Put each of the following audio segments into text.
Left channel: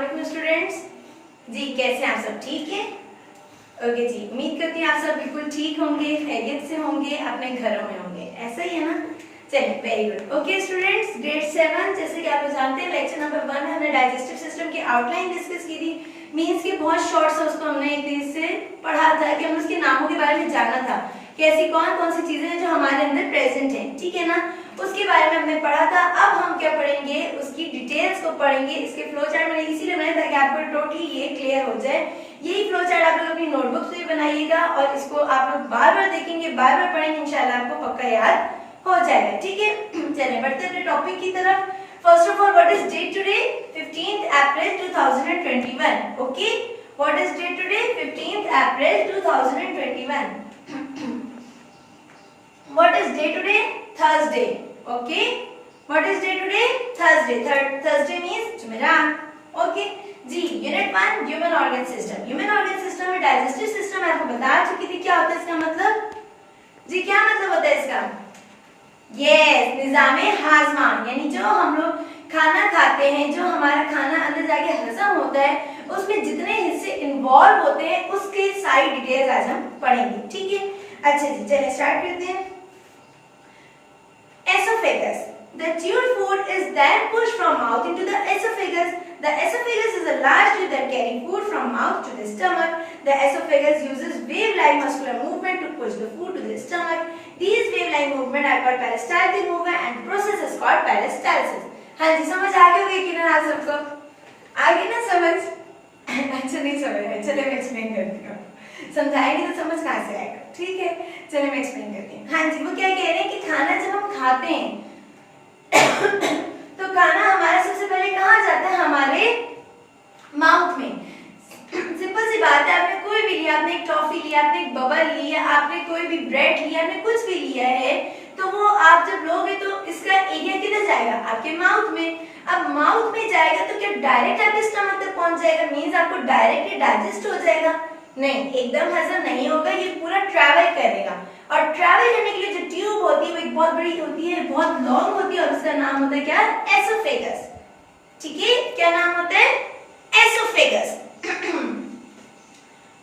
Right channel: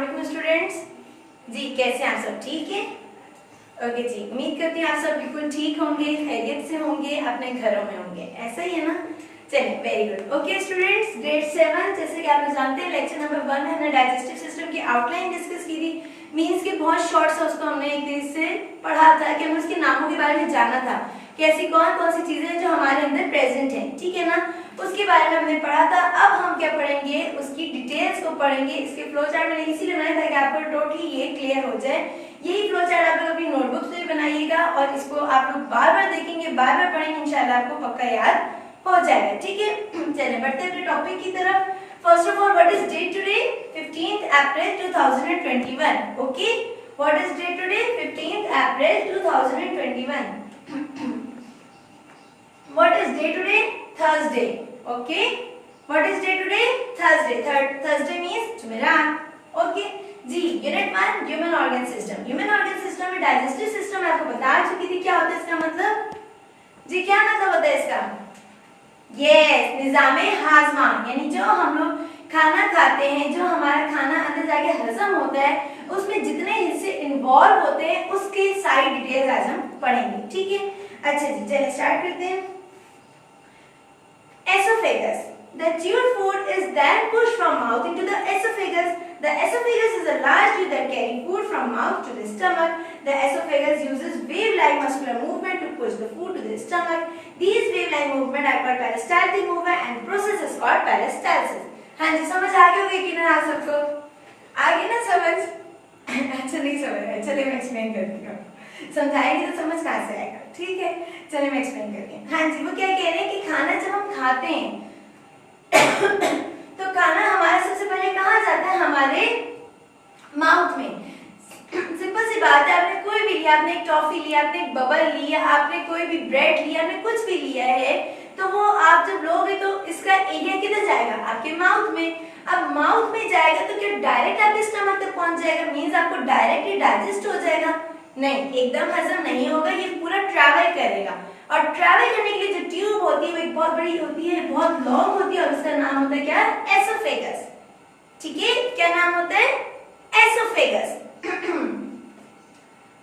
वालेकुम स्टूडेंट्स। जी कैसे हैं आप सब? ठीक है, ओके जी। उम्मीद करती हूँ आप सब बिल्कुल ठीक होंगे, खैरियत से होंगे, अपने घरों में होंगे, ऐसा ही है ना? चलिए very good. Okay students, grade 7 जैसे कि आप लोग जानते हैं लेक्चर नंबर 1 में हमने डाइजेस्टिव सिस्टम की आउटलाइन डिस्कस की थी। मींस कि बहुत शॉर्ट सा उसको हमने एक दिन से पढ़ा था कि हमें उसके नामों के बारे में जाना था कि ऐसी कौन कौन सी चीजें हैं जो हमारे अंदर प्रेजेंट हैं, ठीक है ना? उसके बारे में हमने पढ़ा था। अब हम क्या पढ़ेंगे, उसकी डिटेल्स को पढ़ेंगे। इसके फ्लो चार्ट मैंने इसीलिए बनाया ताकि आपको टोटली ये क्लियर हो जाए। यही फ्लो चार्ट आप लोग अपनी नोटबुक से बनाइएगा और इसको आप लोग बार बार देखेंगे, बार बार पढ़ेंगे, इंशाल्लाह आपको पक्का याद हो जाएगा, ठीक है? चलिए बढ़ते हैं अपने टॉपिक की तरफ। First of all, what is date today? 15th April 2021। Okay, what is date today? 15th April 2021। What is day today? Thursday. Okay. What is day today? Thursday. Thursday means जुमेरात. Okay. जी unit 1 human organ system. Human organ system में digestive system आपको बता चुकी थी क्या होता है इसका मतलब। जी क्या मतलब होता है इसका? यस, निजामे हाजमा, यानी जो हम लोग खाना खाते हैं, जो हमारा खाना अंदर जाके हजम होता है, उसमें जितने हिस्से इन्वॉल्व होते हैं उसके सारी डिटेल्स आज हम पढ़ेंगे, ठीक है? अच्छा जी चलिए स्टार्ट करते हैं। Esophagus. The chewed food is then pushed from mouth into the esophagus. The esophagus is a large tube that carries food from mouth to the stomach. The esophagus uses wave-like muscular movement to push the food to the stomach. These wave-like movement are called peristaltic movement and the process is called peristalsis. हाँ जी, समझ आ गई होगी कि ना आप सबको? आ गई ना समझ? अच्छा नहीं समझ आया, चलिए मैं एक्सप्लेन करती हूँ। समझाएंगे तो समझ कहाँ से आएगा, ठीक है? चलिए मैं एक्सप्लेन करती हूँ। हाँ जी, वो क्या कह रहे हैं कि खाना जब हम खाते हैं तो खाना हमारा सबसे पहले कहाँ जाता है? हमारे माउथ में। सिंपल सी बात है, आपने कोई भी लिया, आपने एक टॉफी लिया, आपने एक बबल लिया, आपने कोई भी ब्रेड लिया, आपने कुछ भी लिया है, तो वो आप जब लोगे तो इसका एरिया किधर जाएगा? आपके माउथ में। अब माउथ में जाएगा तो क्या डायरेक्ट आपके स्टमक तक पहुंच जाएगा? मीन्स आपको डायरेक्टली डाइजेस्ट हो जाएगा? नहीं, एकदम हजम नहीं होगा, ये पूरा ट्रैवल करेगा। और ट्रैवल करने के लिए जो ट्यूब होती है वो एक बहुत बड़ी होती है, बहुत लॉन्ग होती है और उसका नाम होता है क्या? एसोफेगस। ठीक है, क्या नाम होता है? एसोफेगस।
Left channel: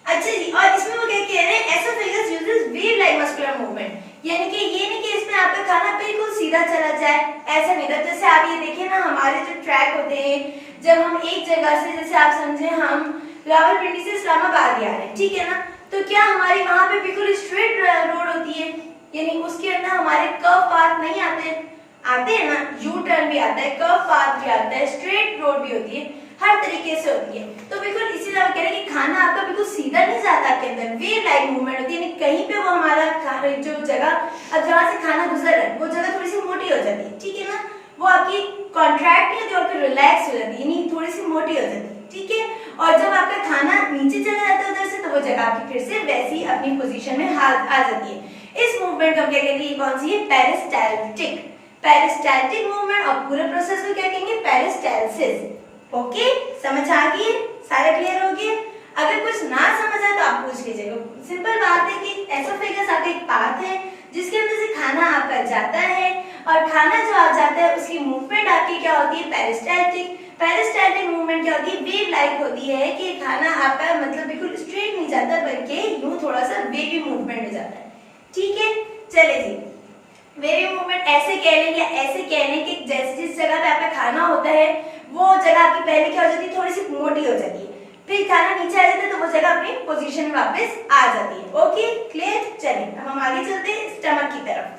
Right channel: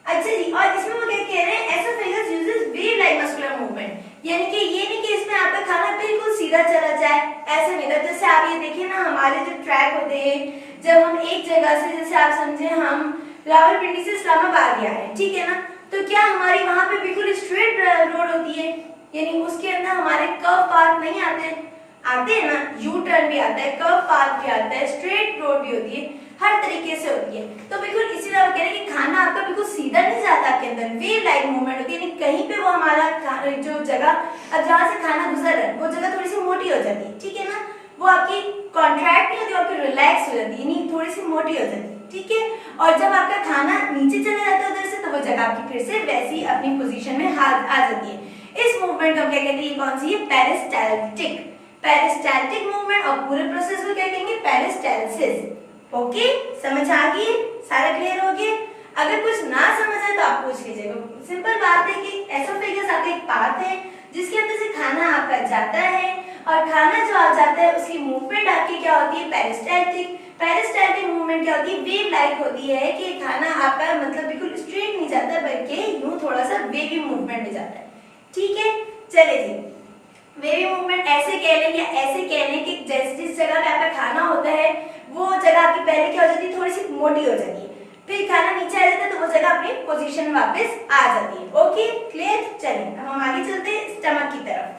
अच्छा जी, और इसमें वो क्या कह रहे हैं? Oesophagus uses wave like muscular movement, यानी कि ये नहीं कि इसमें आपका खाना बिल्कुल सीधा चला जाए, ऐसा नहीं था। जैसे आप ये देखिए ना, हमारे जो ट्रैक होते हैं, जब हम एक जगह से, जैसे आप समझे हम रावलपिंडी से इस्लामाबाद आ रहे हैं, ठीक है ना, तो क्या हमारी वहां पे बिल्कुल स्ट्रेट रोड होती है? यानी उसके अंदर हमारे कर्व पाथ नहीं आते हैं ना, यू टर्न भी आता है, कर्व पाथ भी आता है, स्ट्रेट रोड भी होती है, हर तरीके से होती है। तो बिल्कुल इसी तरह कह रहे हैं कि खाना आपका बिल्कुल सीधा नहीं जाता आपके अंदर, वेव लाइक मूवमेंट होती है, कहीं पे वो हमारा जो जगह, अब जहाँ से खाना गुजर रहा है वो जगह थोड़ी सी मोटी हो जाती है, ठीक है ना, वो आपकी कॉन्ट्रैक्ट नहीं होती, आपकी रिलैक्स हो जाती है, यानी थोड़ी सी मोटी हो जाती है, ठीक है? और जब आपका खाना नीचे चले जाता है उधर से, तो वो जगह आपकी फिर से वैसी अपनी पोजीशन में आ जाती है। इस मूवमेंट को क्या कहते हैं? कौन सी है? पेरिस्टाल्टिक। पेरिस्टाल्टिक मूवमेंट, और पूरे प्रोसेस को क्या कहेंगे? पेरिस्टाल्सिस। ओके, समझ आ गई? सारा क्लियर हो गया? अगर कुछ ना समझ आए तो आप पूछ लीजिएगा। सिंपल बात है कि एसोफेगस आपका एक पाथ है जिसके अंदर से खाना आपका जाता है, और खाना जो आ जाता है उसकी मूवमेंट आपकी क्या होती है? पेरिस्टाल्टिक। पेरिस्टाल्टिक मूवमेंट क्या होती है? वेव लाइक होती है कि खाना आपका मतलब बिल्कुल स्ट्रेट नहीं जाता, बल्कि यूं थोड़ा सा वेवी मूवमेंट में जाता है, ठीक है? चले जी, वेवी मूवमेंट ऐसे कह लें या ऐसे कह लें कि जैसे जिस जगह पे आपका खाना होता है वो जगह आपकी पहले क्या हो जाती है? थोड़ी सी मोटी हो जाती है, फिर खाना नीचे आ जाता है तो वो जगह अपनी पोजीशन में वापस आ जाती है। Okay clear? चलिए अब हम आगे चलते हैं स्टमक की तरफ।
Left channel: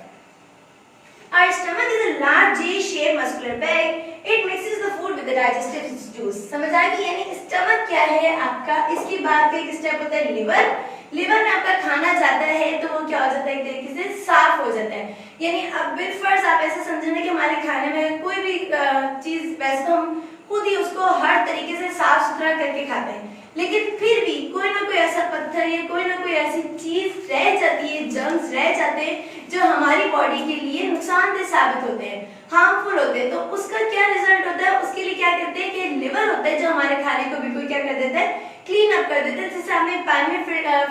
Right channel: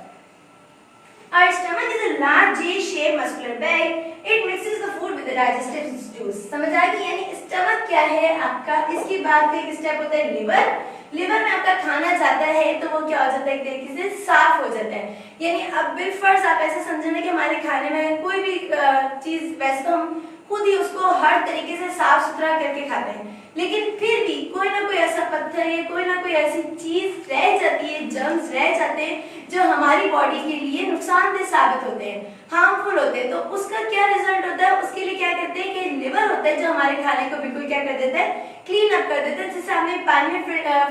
Our stomach is a large J-shaped muscular bag. It mixes the food with the digestive juice. समझ आ गई? यानी स्टमक क्या है आपका? इसकी बात का एक स्टेप होता है लिवर। लिवर में आपका खाना जाता है तो वो क्या हो जाता है? एक तरीके से साफ हो जाता है। यानी अब बिलफर्ज आप ऐसे समझना कि हमारे खाने में कोई भी चीज, वैसे तो हम खुद ही उसको हर तरीके से साफ सुथरा करके खाते हैं, लेकिन फिर भी कोई ना कोई ऐसा पत्थर या कोई ना कोई ऐसी चीज रह जाती है, जर्म्स रह जाते हैं जो हमारी बॉडी के लिए नुकसानदेह साबित होते हैं, हार्मफुल होते हैं। तो उसका क्या रिजल्ट होता है? उसके लिए क्या करते हैं कि लिवर होता है जो हमारे खाने को बिल्कुल क्या कर देता है? क्लीन अप कर देता है। जैसे हमने पानी में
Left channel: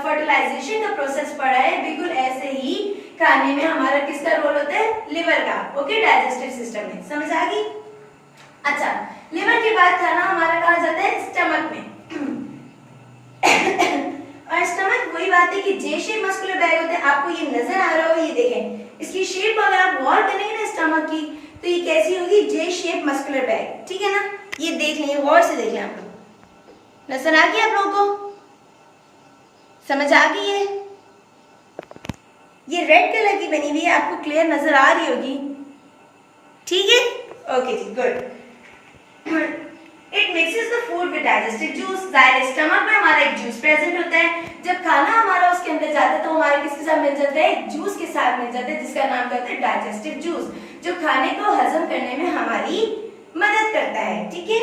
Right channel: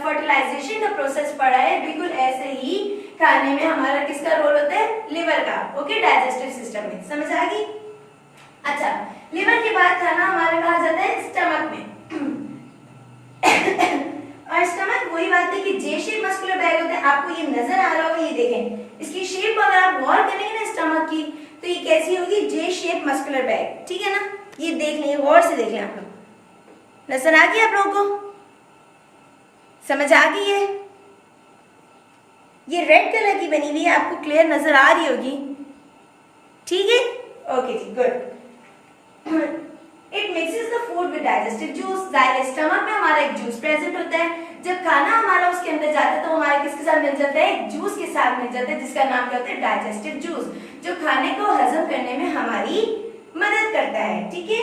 फर्टिलाइजेशन का प्रोसेस पढ़ा है, बिल्कुल ऐसे ही खाने में हमारा किसका रोल होता है? लिवर का। ओके, डाइजेस्टिव सिस्टम में। समझ आ गई? अच्छा, लिवर के बाद खाना हमारा कहा जाता है स्टमक में। और स्टमक वही बात है कि जे शेप मस्कुलर बैग होता है, आपको ये नजर आ रहा होगा, ये देखें इसकी शेप अगर आप गौर करेंगे ना स्टमक की, तो ये कैसी होगी, जे शेप मस्कुलर बैग, ठीक है ना। ये देख लें, गौर से देखें आप लोग, नजर आ गई आप लोगों को, समझ आ गई है। ये रेड कलर की बनी हुई है, आपको क्लियर नजर आ रही होगी, ठीक है, ओके जी, good. It mixes the food with digestive juice. जाहिर स्टमक में हमारा एक जूस प्रेजेंट होता है, जब खाना हमारा उसके अंदर जाता है तो हमारे किसके साथ मिल जाता है, एक जूस के साथ मिल जाता है, जिसका नाम क्या होता है, डाइजेस्टिव जूस, जो खाने को हजम करने में हमारी मदद करता है, ठीक है।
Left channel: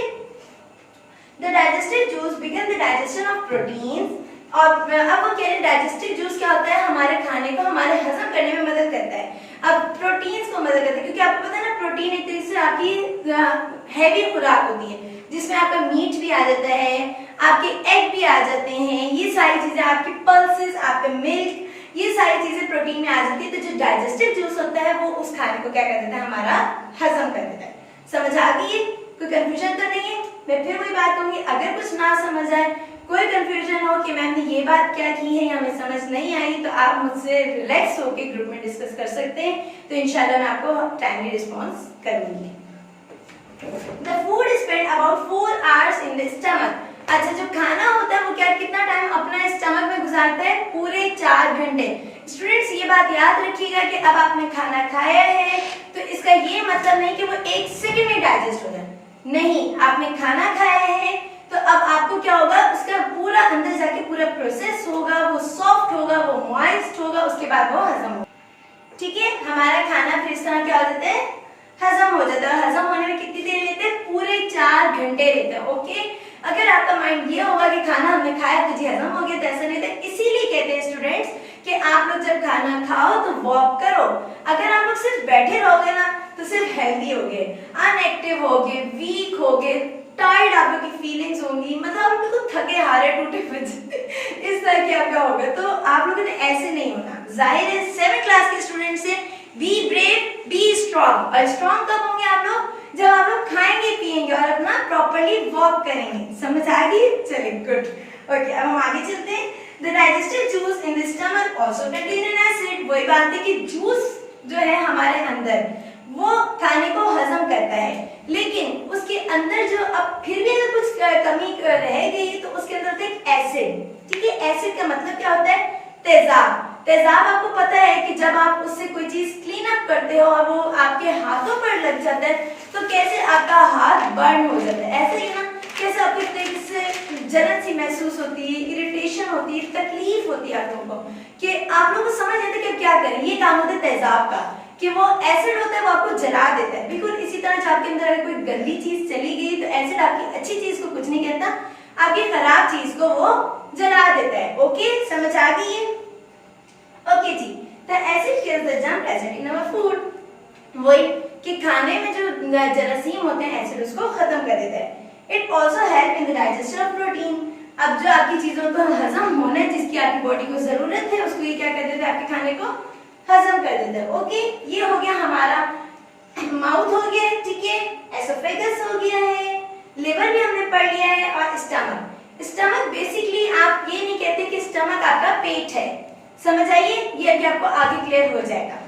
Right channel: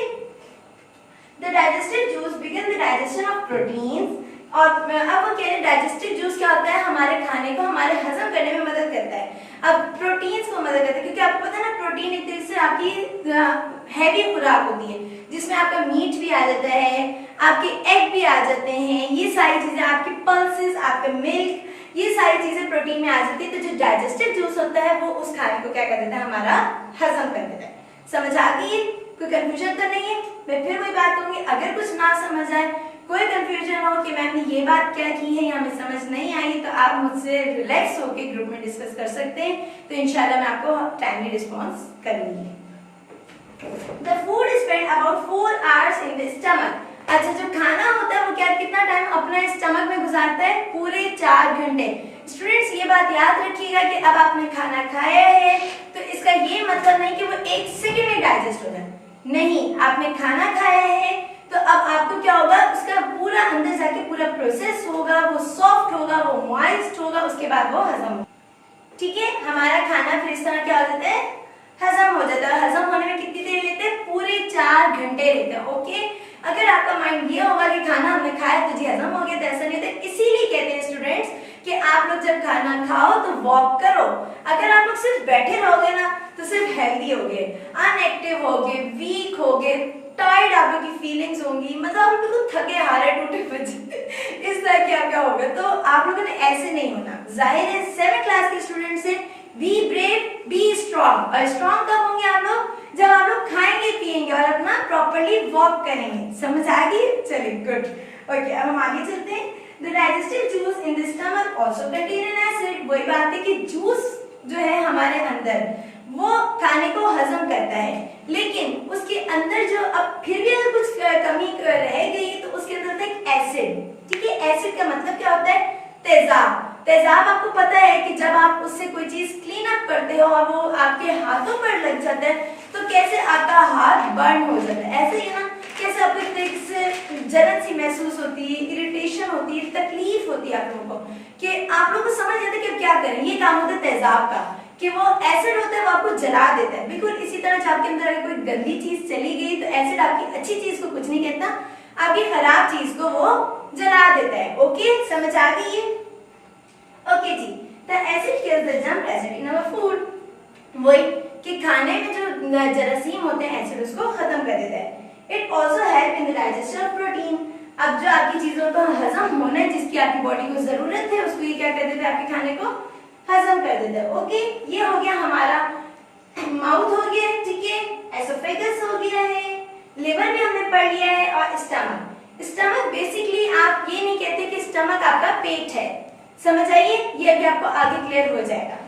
The digestive juice begin the digestion of proteins. और अब वो कह रहे हैं डाइजेस्टिव जूस क्या होता है, हमारे खाने को हमारे हजम करने में मदद करता है। अब प्रोटीन्स को मदद करता है, क्योंकि आपको पता है ना, प्रोटीन एक तरीके से आपकी हैवी खुराक होती है, जिसमें आपका मीट भी आ जाता है, आपके एग भी आ जाते हैं, ये सारी चीजें, आपकी पल्सेस, आपका मिल्क, ये सारी चीजें प्रोटीन में आ जाती है। तो जो डाइजेस्टिव जूस होता है वो उस खाने को क्या कर देता है, हमारा हजम कर देता है। समझ आ गई है, कोई कंफ्यूजन तो नहीं है। मैं फिर वही बात कहूंगी, अगर कुछ ना समझ आए, कोई कंफ्यूजन हो कि मैम ने ये बात क्या की है या हमें समझ नहीं आई, तो आप मुझसे रिलैक्स होकर ग्रुप में डिस्कस कर सकते हैं, तो इंशाल्लाह मैं आपको टाइमली रिस्पॉन्स करूंगी। The food is spent about 4 hours in the stomach. अच्छा, जो खाना होता है वो क्या कितना टाइम अपना स्टमक में गुजारता है, पूरे 4 घंटे। स्टूडेंट्स ये बात याद रखिएगा कि अब आपने खाना खाया है तो इसका ये मतलब नहीं कि वो 1 सेकंड में डाइजेस्ट हो जाए, नहीं, आपने खाना खाया है तो अब आपको क्या होगा, उसका पूरा अंदर जाके पूरा प्रोसेस होगा, वो सॉफ्ट होगा, वो मॉइस्ट होगा, उसके बाद वो हजम होगा, ठीक है। हमारा खाना फिर इस तरह क्या हो जाता है, हजम हो जाता है। हजम होने में कितनी देर लेते हैं, पूरे 4 घंटे लेते हैं, ओके। अगर आपका माइंड ये होगा कि खाना हमने खाया तो जी हजम हो गया, तो ऐसा नहीं होता। इसीलिए कहते हैं स्टूडेंट्स कि आप लोग जब खाना खाओ तो वॉक करो। अगर आप लोग सिर्फ बैठे रहोगे ना तो सिर्फ हेल्दी होगे, अनएक्टिव होगे, वीक होगे, टायर्ड आप लोग की फीलिंग्स होंगी, मतलब आप बिल्कुल थके हारे टूटे बचे इस तरह के आपका होगा। तो आप लोगों ने ऐसे नहीं होना। जाहिर है 7th क्लास के स्टूडेंट से बी ब्रेव, बी स्ट्रॉन्ग। और स्ट्रॉन्ग कब होंगे आप लोग, जब आप लोग खाएंगे पिएंगे और अपना प्रॉपर्ली वॉक करेंगे। समझ आ गई, चलिए गुड, ओके। अब हम आगे चलते हैं। The digestive juice in the stomach also contain N acid. वही बात है कि जूस जो है हमारे अंदर वो खाने को हजम करता है, लेकिन उसके अंदर जो अब फिर भी अगर कुछ कमी रह गई तो उसके अंदर होता है एक एसिड, ठीक है। एसिड का मतलब क्या होता है, तेजाब। तेजाब आपको पता है कि जब आप उससे कोई चीज क्लीन अप करते हो और वो आपके हाथों पर लग जाता है तो कैसे आपका हाथ बर्न हो जाता है, ऐसे ही ना, कैसे आपको एक तरीके से जलन सी महसूस होती है, इरिटेशन होती है, तकलीफ होती है आप लोगों को, कि आप लोगों को समझ नहीं आता कि क्या करें। ये काम होता है तेजाब का, कि वो एसिड होता है, वो आपको जला देता है। बिल्कुल इसी तरह जब आपके अंदर अगर कोई गंदी चीज चली गई तो एसिड आपकी अच्छी चीज को कुछ नहीं कहता, आपकी खराब चीज को वो जला देता है, ओके। समझ आ गई है, ओके जी। The acid kills the germ present in our food. वही कि खाने में जो जरासीम होते हैं एसिड उसको खत्म कर देता है। It also help in the digestion of protein. अब जो आपकी चीजों को हजम होना है, जिसकी आपकी बॉडी को जरूरत है, उसको ये क्या कर देता है, आपके खाने को हजम कर देता है, ओके। ये हो गया हमारा माउथ हो गया, ठीक है, एसोफेगस हो गया है, लिवर भी हमने पढ़ लिया है, और स्टमक। स्टमक बेसिकली आप ये नहीं कहते कि स्टमक आपका पेट है, समझ आइए, ये अभी आपको आगे क्लियर हो जाएगा।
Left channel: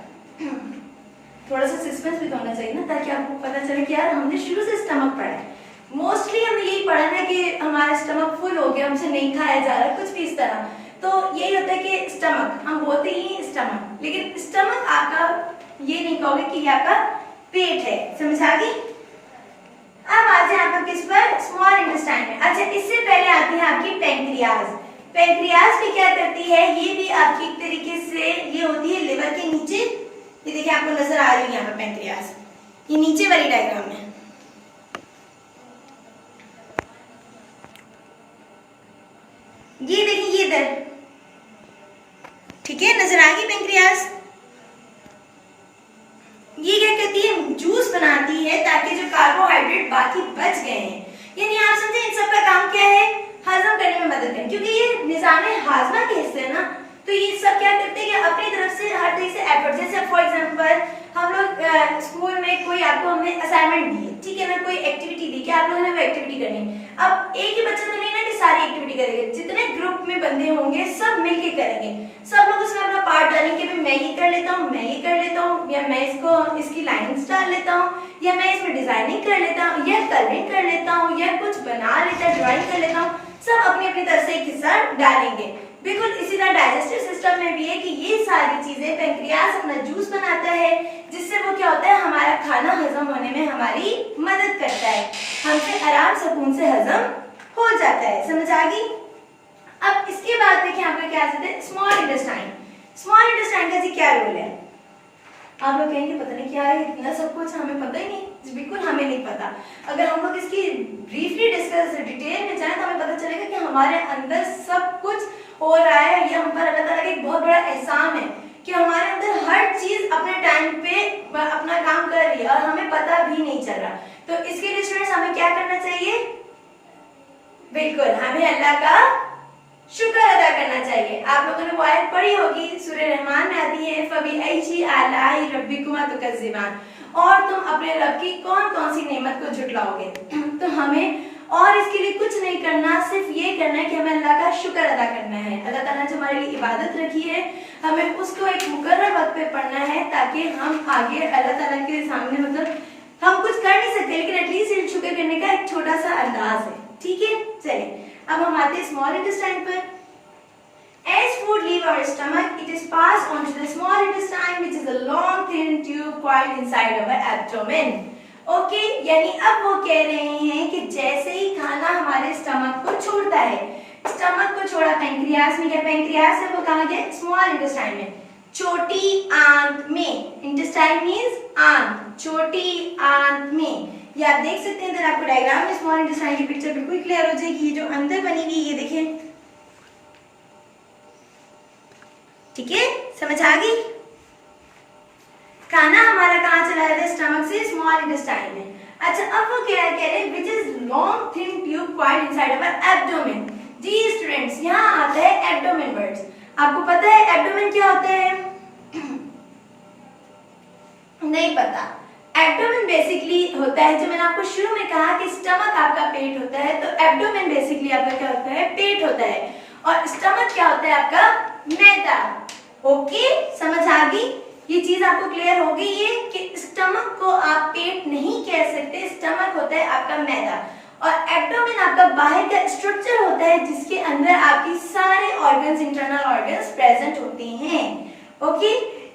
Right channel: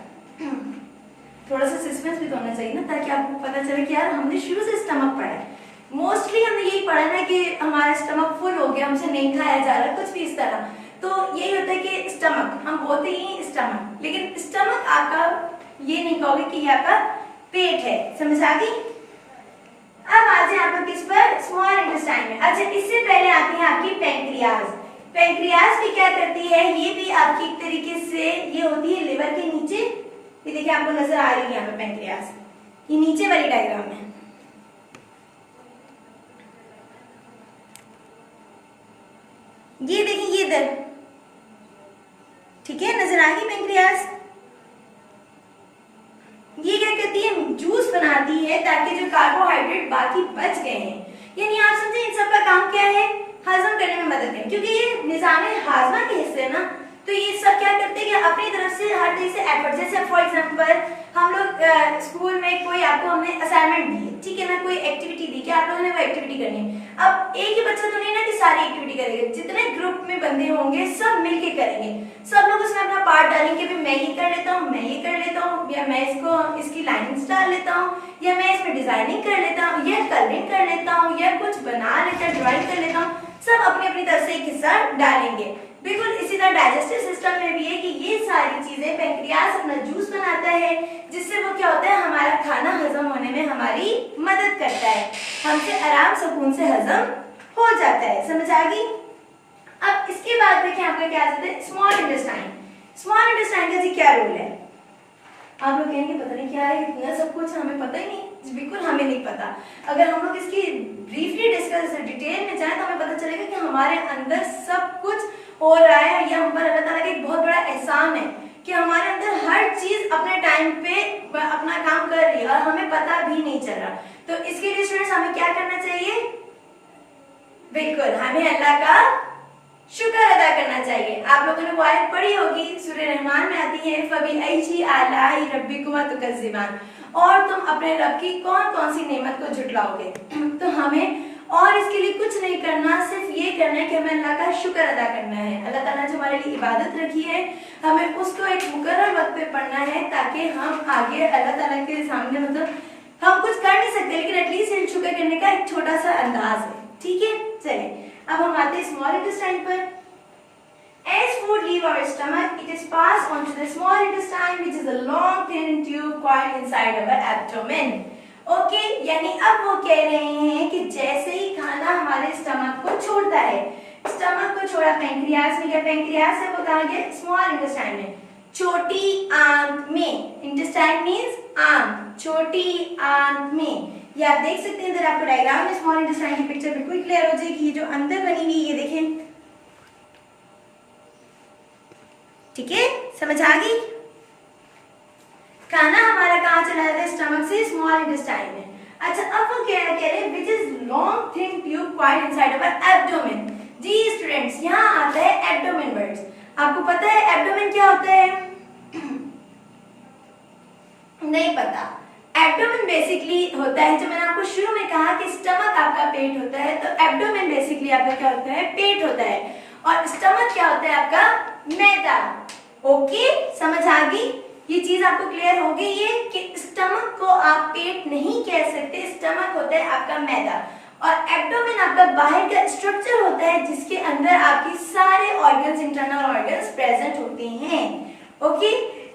थोड़ा सा सस्पेंस भी तो होना चाहिए ना, ताकि आपको पता चले कि यार हमने शुरू से स्टमक पढ़ा है। मोस्टली हमने यही पढ़ा ना कि हमारा स्टमक फुल हो गया, हमसे नहीं खाया जा रहा, कुछ भी इस तरह। तो यही होता है कि स्टमक, हम बोलते ही स्टमक, लेकिन स्टमक आपका ये नहीं कहोगे कि ये आपका पेट है, समझ आ गई। अब आ जाए आप लोग किस पर, स्मॉल इंटेस्टाइन में। अच्छा, इससे पहले आती है आपकी पेंक्रियाज। पेंक्रियाज भी क्या करती है, ये भी आपकी एक तरीके से ये होती है लिवर के नीचे। ये देखिए आपको नजर आ रही है यहाँ पर पेंक्रियाज, ये नीचे वाली डायग्राम में। ये देखिए ये इधर, ठीक है, नजर आ गई पेंक्रियाज। ये क्या करती है, जूस बनाती है ताकि जो कार्बोहाइड्रेट बाकी बच गए हैं, यानी आप समझे इन सब का काम क्या है, हजम करने में मदद करें, क्योंकि ये निजाम हाजमा के हिस्से है ना। तो ये सब क्या करते हैं कि अपनी तरफ से हर तरीके से एफर्ट, जैसे फॉर एग्जांपल हम लोग स्कूल में कोई आपको हमने असाइनमेंट दी, ठीक है ना, कोई एक्टिविटी दी कि आप लोगों ने वो एक्टिविटी करनी है। अब एक ही बच्चा तो नहीं ना कि सारी एक्टिविटी करेगा, जितने ग्रुप में बंदे होंगे सब मिलके करेंगे, सब लोग उसमें अपना पार्ट डालेंगे, मैं ये कर लेता हूँ, मैं ये कर लेता हूँ, या मैं इसको इसकी लाइंस डाल लेता हूँ, या मैं इसमें डिजाइनिंग कर लेता हूँ, या कलरिंग कर लेता हूँ, या कुछ बना लेता, ड्राइंग कर लेता हूँ, सब अपनी अपनी तरफ से एक हिस्सा डालेंगे। बिल्कुल इसी तरह डाइजेस्टिव सिस्टम में भी है कि ये सारी चीजें पैंक्रियाज अपना जूस बनाता है, जिससे वो क्या होता है, हमारा खाना हजम होने में हमारी मदद करता है, हमसे आराम सुकून से हजम हो जाता है। समझ आ गई? अब इसके बाद देखिए आपका क्या आता है, स्मॉल इंटेस्टाइन। स्मॉल इंटेस्टाइन का जी क्या रोल है? आप लोग कहेंगे पता नहीं क्या है, इतना सब कुछ हमें पता ही नहीं। बिल्कुल हमें नहीं पता। अगर हम लोग इसकी ब्रीफली डिस्कस डिटेल में जाएं तो हमें पता चलेगा कि हमारे अंदर सब कुछ हो रहा है। ये हम पर अल्लाह ताला का एक बहुत बड़ा एहसान है कि हमारे अंदर हर चीज अपने टाइम पे अपना काम कर रही है और हमें पता भी नहीं चल रहा। तो इसके लिए स्टूडेंट्स हमें क्या करना चाहिए? बिल्कुल हमें अल्लाह का शुक्र अदा करना चाहिए। आप लोगों ने वो आयत पढ़ी होगी, सूरह रहमान में आती है, फबीअय्यि आलाई रब्बिकुमा तुकज़्ज़िबान, और तुम अपने रब की कौन कौन सी नेमत को झुटलाओगे। तो हमें और इसके लिए कुछ नहीं करना, सिर्फ ये करना है कि हमें अल्लाह का शुक्र अदा करना है। अल्लाह ताला ने जो हमारे लिए इबादत रखी है, हमें उसको एक मुकर्रर वक्त पे पढ़ना है, ताकि हम आगे अल्लाह ताला के सामने, मतलब हम कुछ कर नहीं सकते लेकिन एटलीस्ट शुक्र करने का एक छोटा सा अंदाज है। ठीक है, चलिए अब हम आते हैं स्मॉल इंटेस्टाइन पर। As food leave our stomach, it is passed on to the small intestine, which is a long thin tube coiled inside our abdomen. Okay, यानी अब वो कह रहे हैं कि जैसे ही खाना हमारे स्टमक को छोड़ता है, स्टमक को छोड़ा पैंक्रियाज में, या पैंक्रियाज से वो कहाँ गया? स्मॉल इंटेस्टाइन में, छोटी आंत में। इंटेस्टाइन मींस आंत, छोटी आंत में। ये आप देख सकते हैं, इधर आपको डायग्राम में स्मॉल इंटेस्टाइन की पिक्चर बिल्कुल क्लियर हो जाएगी। जो अंदर बनी हुई ये देखें, ठीक है, समझ आ गई? खाना हमारा कहाँ चला जाता है? स्टमक से स्मॉल इंटेस्टाइन में। अच्छा, अब वो क्या कह रहे हैं? Which is long thin tube quite inside our abdomen. जी स्टूडेंट्स, यहाँ आता है एब्डोमेन वर्ड्स। आपको पता है एब्डोमेन क्या होता है? नहीं पता। एब्डोमेन बेसिकली होता है, जो मैंने आपको शुरू में कहा कि स्टमक आपका पेट होता है, तो एब्डोमेन बेसिकली आपका क्या होता है? पेट होता है। और स्टमक क्या होता है? आपका मैदा। ओके, समझ आ गई? ये चीज आपको क्लियर हो गई है कि स्टमक को आप पेट नहीं कह सकते, स्टमक होता है आपका मैदा, और एब्डोमेन आपका बाहर का स्ट्रक्चर होता है जिसके अंदर आपकी सारे ऑर्गन्स, इंटरनल ऑर्गन्स प्रेजेंट होते हैं। ओके,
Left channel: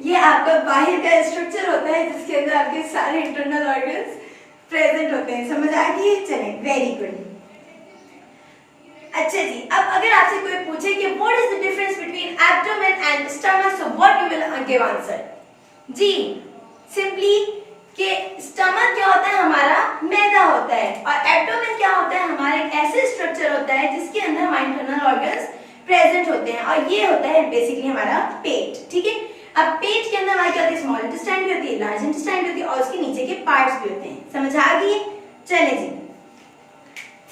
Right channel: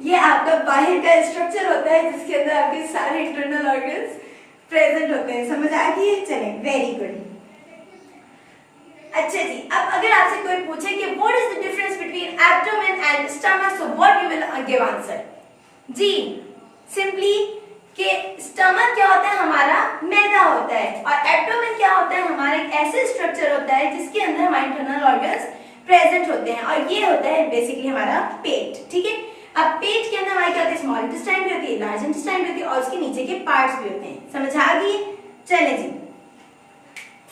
ये आपका बाहर का स्ट्रक्चर होता है जिसके अंदर आपके सारे इंटरनल ऑर्गन्स प्रेजेंट होते हैं। समझ आ गई? चलें, वेरी गुड। अच्छा जी, अब अगर आपसे कोई पूछे कि what is the difference between abdomen and stomach, so what you will give answer? जी, सिंपली कि स्टमक क्या होता है? हमारा मैदा होता है, और एब्डोमेन क्या होता है? हमारा एक ऐसे स्ट्रक्चर होता है जिसके अंदर हमारे इंटरनल ऑर्गन्स प्रेजेंट होते हैं, और ये होता है बेसिकली हमारा पेट। ठीक है, अब पेट के अंदर हमारी क्या होती है? स्मॉल इंटेस्टाइन भी होती है, लार्ज इंटेस्टाइन भी होती है, और उसके नीचे के पार्ट्स भी होते हैं। समझ आ गई? चले जी,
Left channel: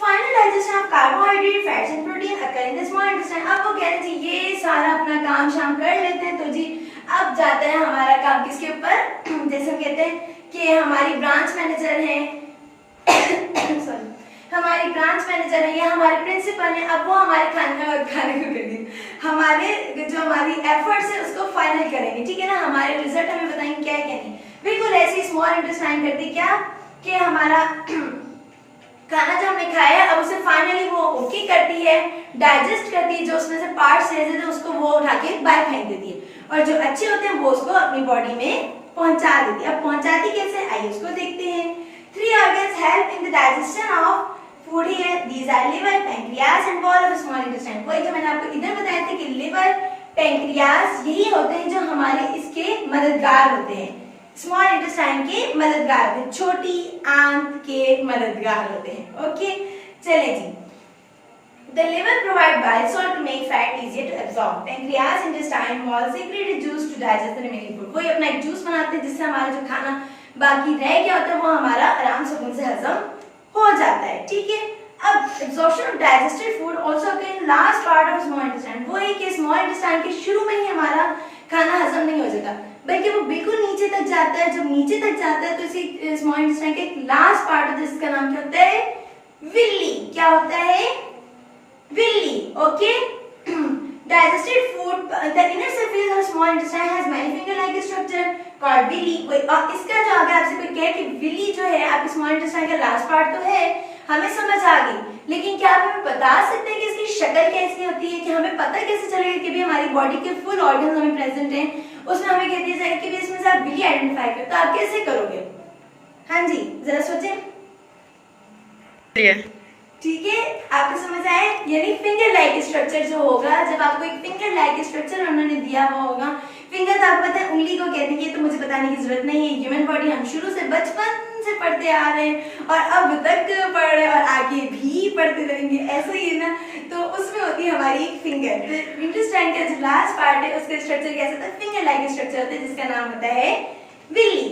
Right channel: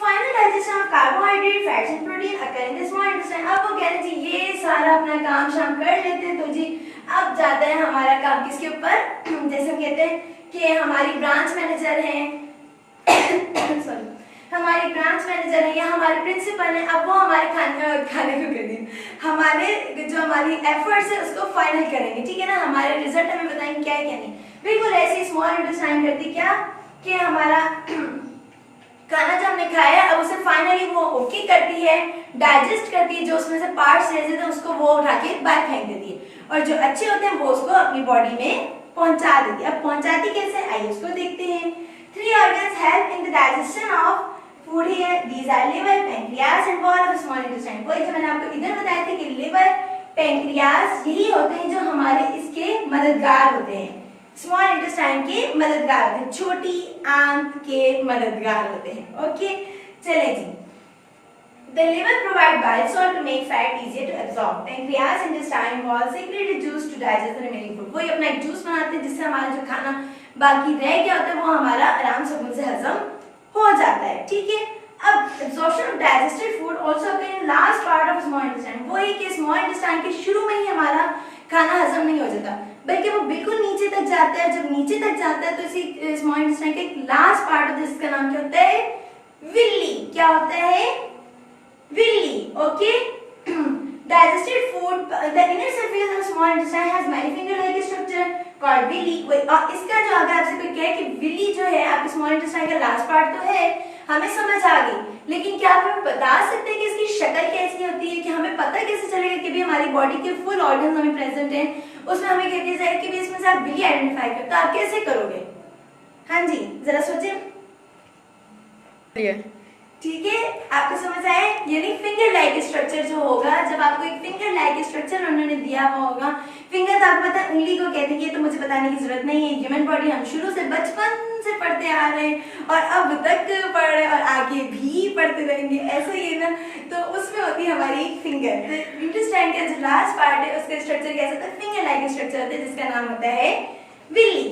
final digestion of carbohydrate, fats and protein occur in the small intestine. अब वो कह रहे हैं जी ये सारा अपना काम शाम कर लेते हैं, तो जी अब जाता है हमारा काम किसके ऊपर? जैसे कहते हैं कि हमारी ब्रांच मैनेजर हैं सॉरी, हमारी ब्रांच मैनेजर है या हमारे प्रिंसिपल हैं, अब वो हमारे खाने को करेंगे, हमारे जो हमारी एफर्ट्स है उसको फाइनल करेंगे। ठीक है ना, हमारे रिजल्ट हमें बताएंगे क्या है क्या नहीं। बिल्कुल ऐसी स्मॉल इंटेस्टाइन करती क्या कि हमारा खाना जो हमने खाया है अब उसे फाइनली वो ओके करती है, डाइजेस्ट करती है, जो उसमें से पार्ट्स रह जाते हैं उसको वो उठा के बाहर फेंक देती है, और जो अच्छे होते हैं वो उसको अपनी बॉडी में पहुंचा देती है। अब पहुंचाती कैसे, आइए उसको देखते हैं। 3 organs help in the digestion of food here. These are liver, pancreas and wall of the small intestine. वही जो मैंने आपको इधर बताया था कि लिवर, पैंक्रियास यही होते हैं जो हमारे इसके मददगार होते हैं, स्मॉल इंटेस्टाइन के मददगार होते हैं, छोटी आंत के मददगार होते हैं। ओके, चले जी। The liver provide bile salt to make fat easier to absorb. Pancreas, intestine wall secrete juice to digest the remaining food. वही अपना एक जूस बनाते हैं जिससे हमारा जो खाना बाकी रह गया होता है वो हमारा आराम से मुंह से हजम हो जाता है। ठीक है, अब absorption of digested food also occur in last part of small intestine. वही कि small intestine के शुरू में ही हमारा खाना हजम नहीं हो जाता, बल्कि वो बिल्कुल नीचे तक जाता है। जब नीचे तक जाता है तो इसी स्मॉल इंटेस्टाइन का एक लास्ट पार्ट होता है जिसका नाम क्या होता है, विल्ली। क्या होता है, Willey. Okay, digested food, the inner surface of small intestine has many finger-like structure called villi। इसका जो अगर आपसे कोई कहे कि विली जो है आपके स्मॉल इंटेस्टाइन का लास्ट पार्ट तो है, हमें समझ आ गई, लेकिन क्या आप हमें बता सकते हैं कि इसकी शक्ल कैसी होती है, कि हमें पता कैसे चलेगा कि भी हमारी बॉडी के फुल ऑर्गन्स हमें प्रेजेंट हैं, उसमें हमें कहते हैं कि भी इसमें से आप विली आइडेंटिफाई करो, तो आप कैसे करोगे? हाँ जी, जरा सोचें। ठीक है, आपको समझ आया? यानी फिंगर लाइक स्ट्रक्चर जो होगा, जब आपको एक फिंगर लाइक स्ट्रक्चर उन्होंने दिया हुआ होगा, फिंगर तो आपको पता है उंगली को कहते हैं, तो मुझे बताने की जरूरत नहीं है, ह्यूमन बॉडी हम शुरू से बचपन से पढ़ते आ रहे हैं और अब तक पढ़ रहे हैं और आगे भी पढ़ते रहेंगे, ऐसा ही है ना। तो उसमें होती है हमारी एक फिंगर। इंटेस्टाइन का जो लास्ट पार्ट है उसका स्ट्रक्चर कैसा होता है, फिंगर लाइक स्ट्रक्चर होता है जिसका नाम होता है Willie.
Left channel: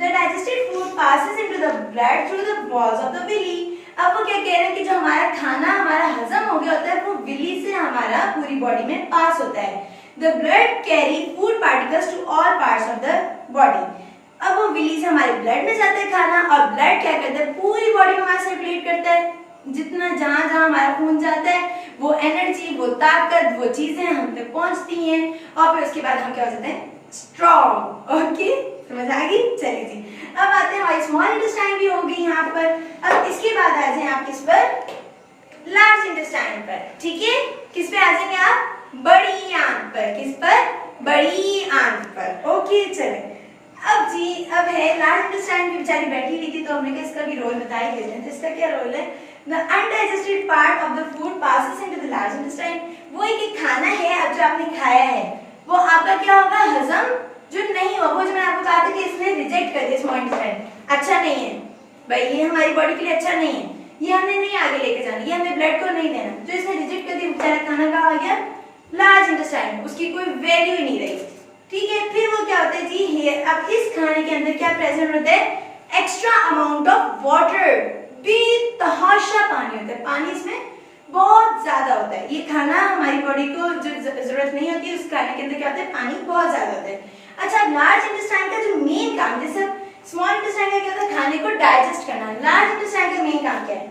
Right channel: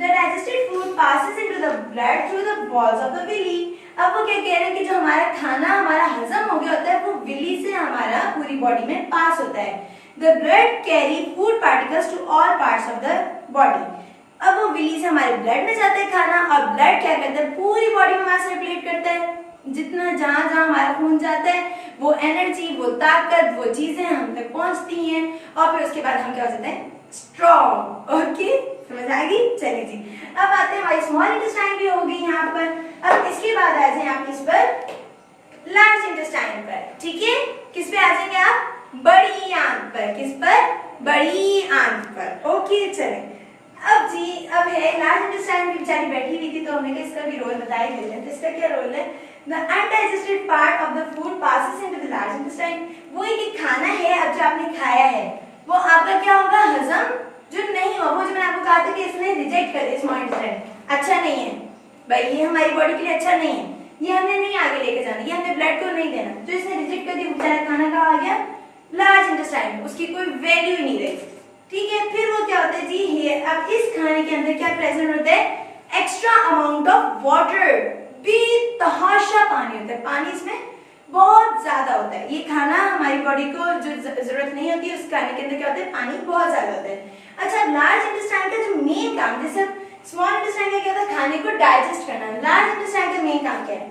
The digested food passes into the blood through the walls of the villi। अब वो क्या कह रहे हैं कि जो हमारा खाना हमारा हजम हो गया होता है वो विली से हमारा पूरी बॉडी में पास होता है। The blood carry food particles to all parts of the body। अब वो विली से हमारे ब्लड में जाता है खाना, और ब्लड क्या करता है, पूरी बॉडी में हमारा सर्कुलेट करता है। जितना जहां जहां हमारा खून जाता है वो एनर्जी, वो ताकत, वो चीजें हम तक पहुंचती हैं, और फिर उसके बाद हम क्या हो जाते हैं, स्ट्रॉन्ग। ओके, समझ आ गई? चलिए जी, अब आते हैं हमारी स्मॉल इंटेस्टाइन भी होगी यहाँ पर। अब इसके बाद आ जाए आप किस पर, लार्ज इंटेस्टाइन पर। ठीक है, किस पे आ जाएंगे आप, बड़ी आंत पर। किस पर, बड़ी आंत पर। ओके, चले अब जी, अब है लार्ज इंटेस्टाइन भी बेचारी बैठी हुई थी, तो हमने कहा इसका भी रोल बता ही देते हैं। तो इसका क्या रोल है, the undigested part of the food passes into the large intestine। वो एक खाना है अब जो आपने खाया है वो आपका क्या होगा, हजम जो नहीं हो, वो जो मैंने आपको कहा था कि इसने रिजेक्ट कर दिया स्मॉल इंटेस्टाइन, अच्छा नहीं है भाई, ये हमारी बॉडी के लिए अच्छा नहीं है, ये हमने नहीं आगे लेके जाना, ये हमें ब्लड को नहीं देना, तो इसने रिजेक्ट कर दिया, बेचारा खाना कहाँ आ गया, लार्ज इंटेस्टाइन में, उसकी कोई वैल्यू ही नहीं रही। ठीक है, फिर वो क्या होता है जी, हेयर। अब इस खाने के अंदर क्या प्रेजेंट होता है, एक्स्ट्रा अमाउंट ऑफ वाटर, बेतहाशा पानी होता है, पानी इसमें बहुत ज्यादा होता है। ये खाना हमारी बॉडी को जो जरूरत नहीं होती है उस खाने के अंदर क्या होता है, पानी बहुत ज्यादा होता है। अच्छा, लार्ज इंटेस्टाइन का जो मेन काम, जैसे स्मॉल इंटेस्टाइन का क्या होता है, खाने को डाइजेस्ट करना, लार्ज इंटेस्टाइन का मेन काम क्या है,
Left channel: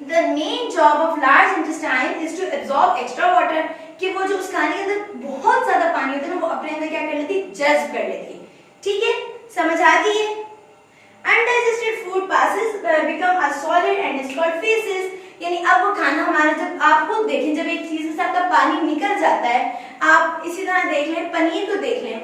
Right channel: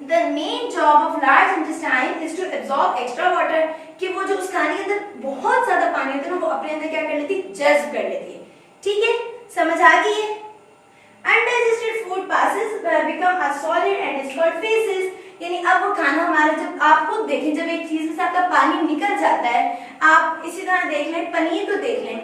The main job of large intestine is to absorb extra water, कि वो जो उस खाने के अंदर बहुत ज्यादा पानी होता है ना, वो अपने अंदर क्या कर लेती, जज्ब कर लेती है। ठीक है, समझ आ गई है? Undigested food passes become a solid and is called feces। यानी अब वो खाना हमारा, जब आप खुद देखें, जब एक चीज में से आपका पानी निकल जाता है, आप इसी तरह देख लें, पनीर को देख लें,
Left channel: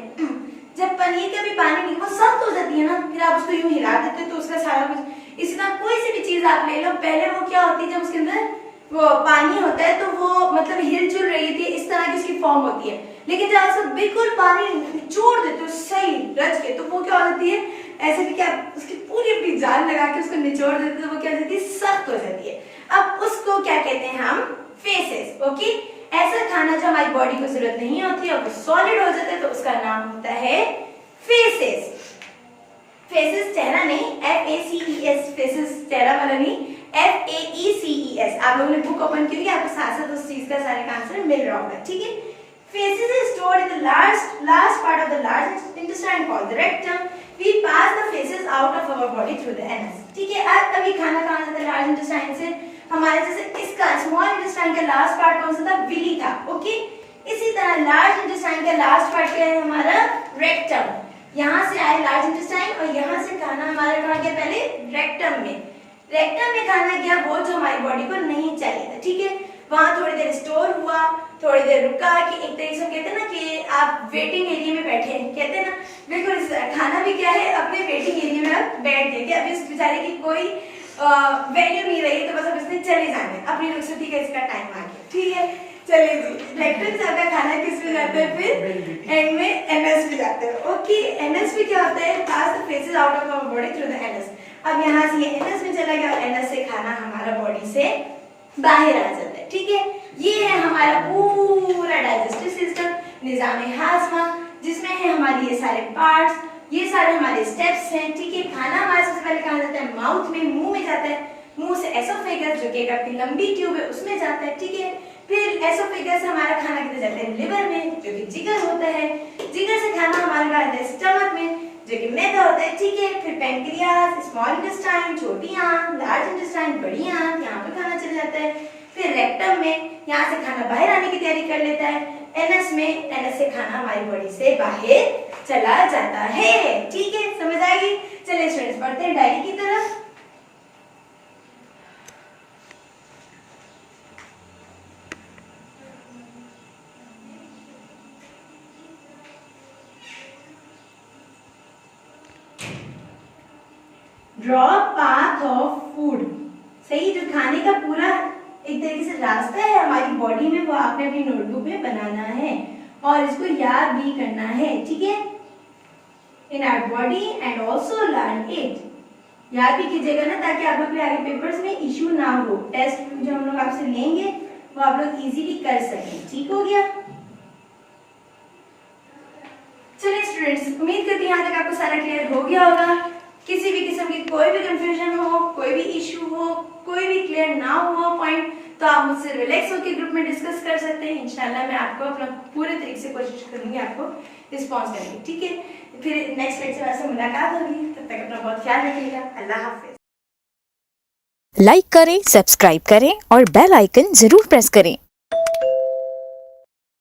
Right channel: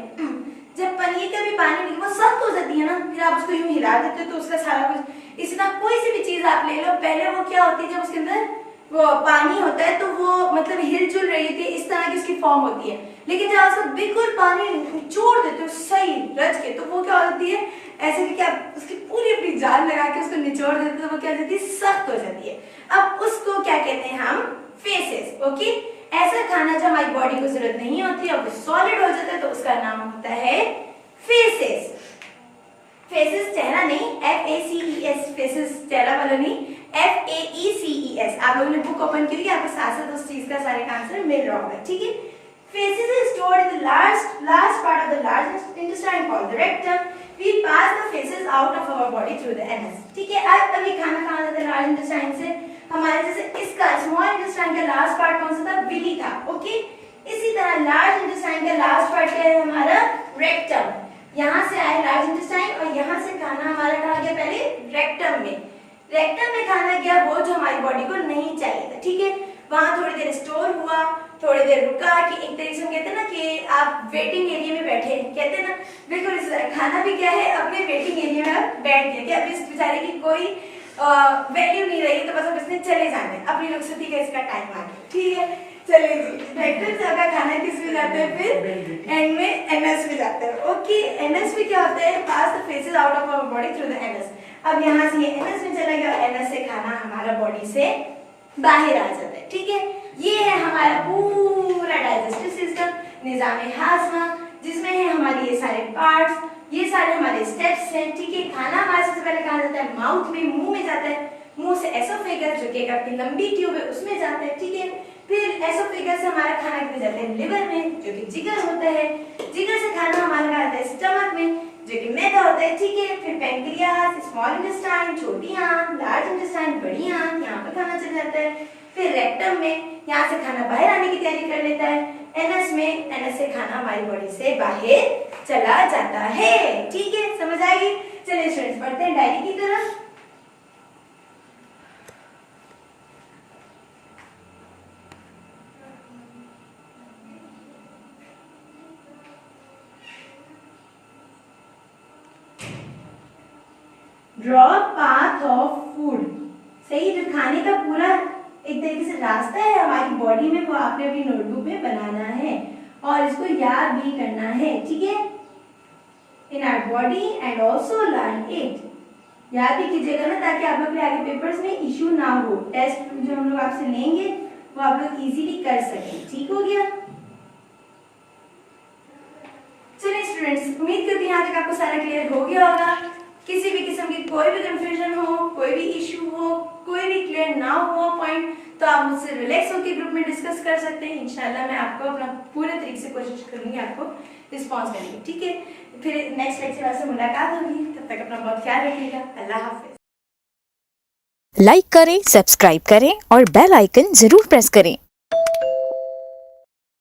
जब पनीर का भी पानी वो सख्त हो जाती है ना, फिर आप उसको यूं हिला देते हो तो उसका सारा कुछ, इसी तरह कोई सी भी चीज आप ले लो, पहले वो क्या होती है, जब उसके अंदर वो पानी होता है तो वो मतलब हिलजुल रही थी, इस तरह की इसकी फॉर्म होती है। लेकिन जब आप बिल्कुल पानी निचोड़ देते हो सही रच के, तो वो क्या हो जाती है, ऐसे भी क्या उसकी पूरी अपनी जान लगा के उसको निचोड़ देते हैं, वो क्या हो जाती है, सख्त हो जाती है। अब उसको क्या कहते हैं हम, फेसेस। ओके, ऐसा खाना जो हमारी बॉडी को जरूरत नहीं होती है, वो सॉलिड हो जाता है, तो उसका नाम होता है फेसेस। फेसेस चेहरा नहीं, FACES, फेसेस चेहरा वाला नहीं, FAECES। आप लोगों ने बुक ओपन की होगी, आपको साथ साथ उस चीज का सारे का आंसर मिल रहा होगा। ठीक है, faces is stored in the last part of the large intestine called the rectum. We pass the feces out of our body through the anus। ठीक है, अब अभी खाना खाना जाता है लार्ज इंटेस्टाइन से, हमारे जैसे इसका स्मॉल इंटेस्टाइन का लास्ट पार्ट कौन सा था, विली था। ओके, इसी तरह लार्ज इंटेस्टाइन का लास्ट पार्ट क्या है हमारा, रेक्टम। यहाँ से आए लार्ज इंटेस्टाइन और यहाँ से खाना हमारा कहाँ गया, पहले रेक्टम में। रेक्टम में खाना गया वो जो हमारी बॉडी को नहीं चाहिए था। ठीक है, वहां थोड़ी देर स्टोर हुआ, थोड़ी देर रुका, कि एक तरीके से कहते हैं ना कि आप वेटिंग एरिया में बैठे हैं, कहते हैं ना, बिल्कुल खाना भी क्या है, अपने वेटिंग एरिया में आप बैठ गए कि अब इस बेचारे की कोई वैल्यू नहीं रही, तो बस अब इसने चले जाना है, अपनी रुखसती का इसका टाइम आ गया। ठीक है, चलिए, रेक्टम से आपका खाना किस में जाता है, फिर एंड में एनएस में जाता है। ओके, एनएस में क्या होता है, pass the faeces out of our body through the anus. अब यहाँ से ये एनएस में चला गया, एनएस से खाना हमारा बॉडी से बाहर आ जाता है। ठीक है, ये है हमारा पूरा डाइजेस्टिव सिस्टम, निजाम हाजमा, जिसमें है हमारी ये सारे पार्ट्स, ये सारे हमारे स्टेप्स हैं। ठीक है, खाना हमारे सबसे पहले कहाँ जाता है, माउथ में, मुंह में जाता है, मुंह से एसोफेगस जो कि आपकी लंबी ट्यूब है उसमें जाता है। ठीक है, फिर एसोफेगस हमारा खाना किधर जाता है, लिवर में, जो कि जिगर होता है। जिगर से खाना हमारा जाता है स्टमक में, जो कि मैदा होता है, ठीक है। फिर पैंक्रियाज, स्मॉल इंटेस्टाइन, छोटी आंत, लार्ज इंटेस्टाइन, बड़ी आंत, यहाँ पर खाना चला जाता है। फिर रेक्टम में, यहाँ से खाना बाहर आने की तैयारी कर लेता है। एनस में, एनस से खाना हमारी बॉडी से बाहर चला जाता है, ठीक है, समझ आएगी। चलिए स्टूडेंट्स पढ़ते हैं डायरी की तरफ। ड्रॉ पाथ ऑफ फूड, सही, जो खाने का पूरा एक तरीके से रास्ता है हमारी बॉडी में, वो आपने अपनी नोटबुक में बनाना है और इसको याद भी करना है, ठीक है। In our body and also learn it, याद भी कीजिएगा ना, ताकि आप लोग के आगे पेपर्स में इश्यू ना हो। टेस्ट जो हम लोग आपसे लेंगे वो आप लोग इजीली कर सकें, ठीक हो गया। चलिए स्टूडेंट्स, उम्मीद करती हूँ यहाँ तक आपको सारा क्लियर हो गया होगा। किसी भी किस्म की कोई भी कंफ्यूजन हो, कोई भी इश्यू हो, कोई भी क्लियर ना हो पॉइंट, तो आप मुझसे रिलैक्स होकर ग्रुप में डिस्कस कर सकते हैं। इंशाल्लाह मैं आपको अपना पूरे तरीके से कोशिश करूंगी आपको रिस्पॉन्स करने की, ठीक है। फिर नेक्स्ट लेक्चर से मुलाकात होगी, तब तक अपना बहुत ख्याल रखिएगा। अल्लाह हाफिज। लाइक करें, सब्सक्राइब करें और बेल आइकन जरूर प्रेस करें।